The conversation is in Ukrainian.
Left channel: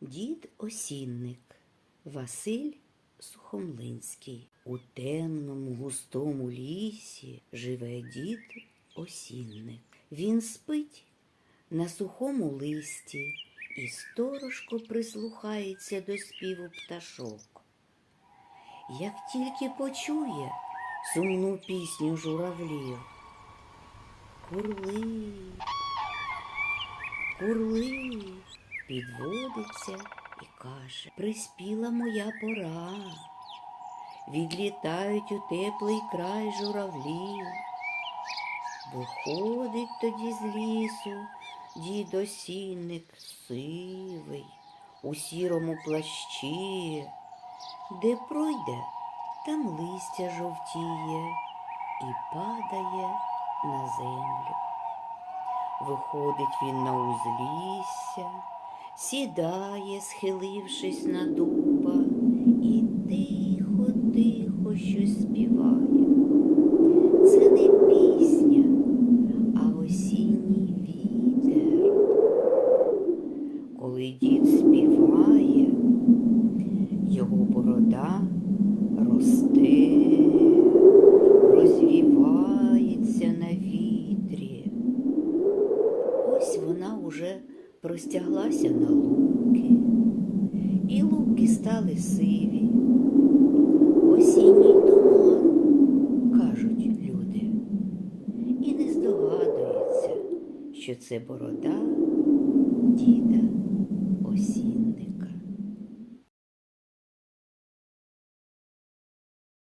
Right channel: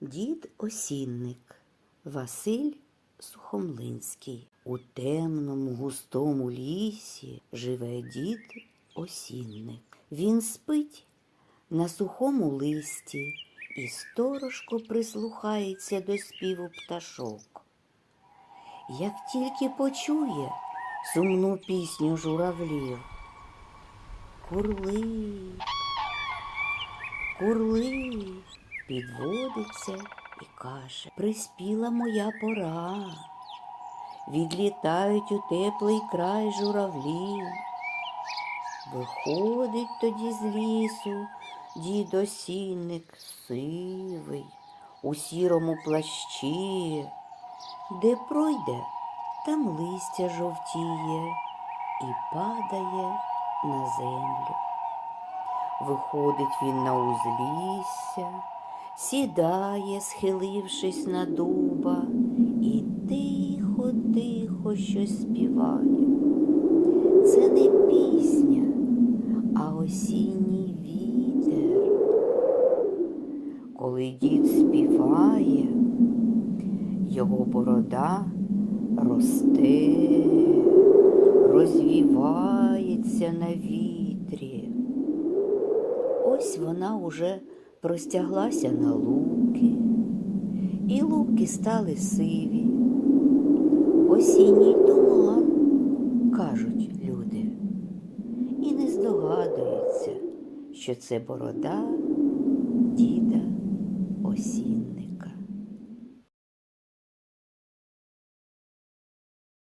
Дід осінник Василь Сухомлинський. У темному густому лісі живе дід осінник. Він спить на сухому листі і сторожко прислухається до співу пташок. Як тільки почує сумну пісню журавлів, курли, курли, підводиться і каже, приспіла моя пора. Відлітають у теплий край журавлі. Виходить тоді з лісу дід осінник сивий, у сірому плащі, де пройде, там листя жовтіє і падає на землю. Виходить він на узлісся, сідає, схилившись на дуба, і тихо, тихо щось співає. Це не пісня, а осінній вітер. Коли дід співає, його борода росте, розвівається на вітрі. Ось вона уже простяглася на луки, і луки стали сиві. Осінній туман, кажуть люди, і не здогадується, що це борода діда.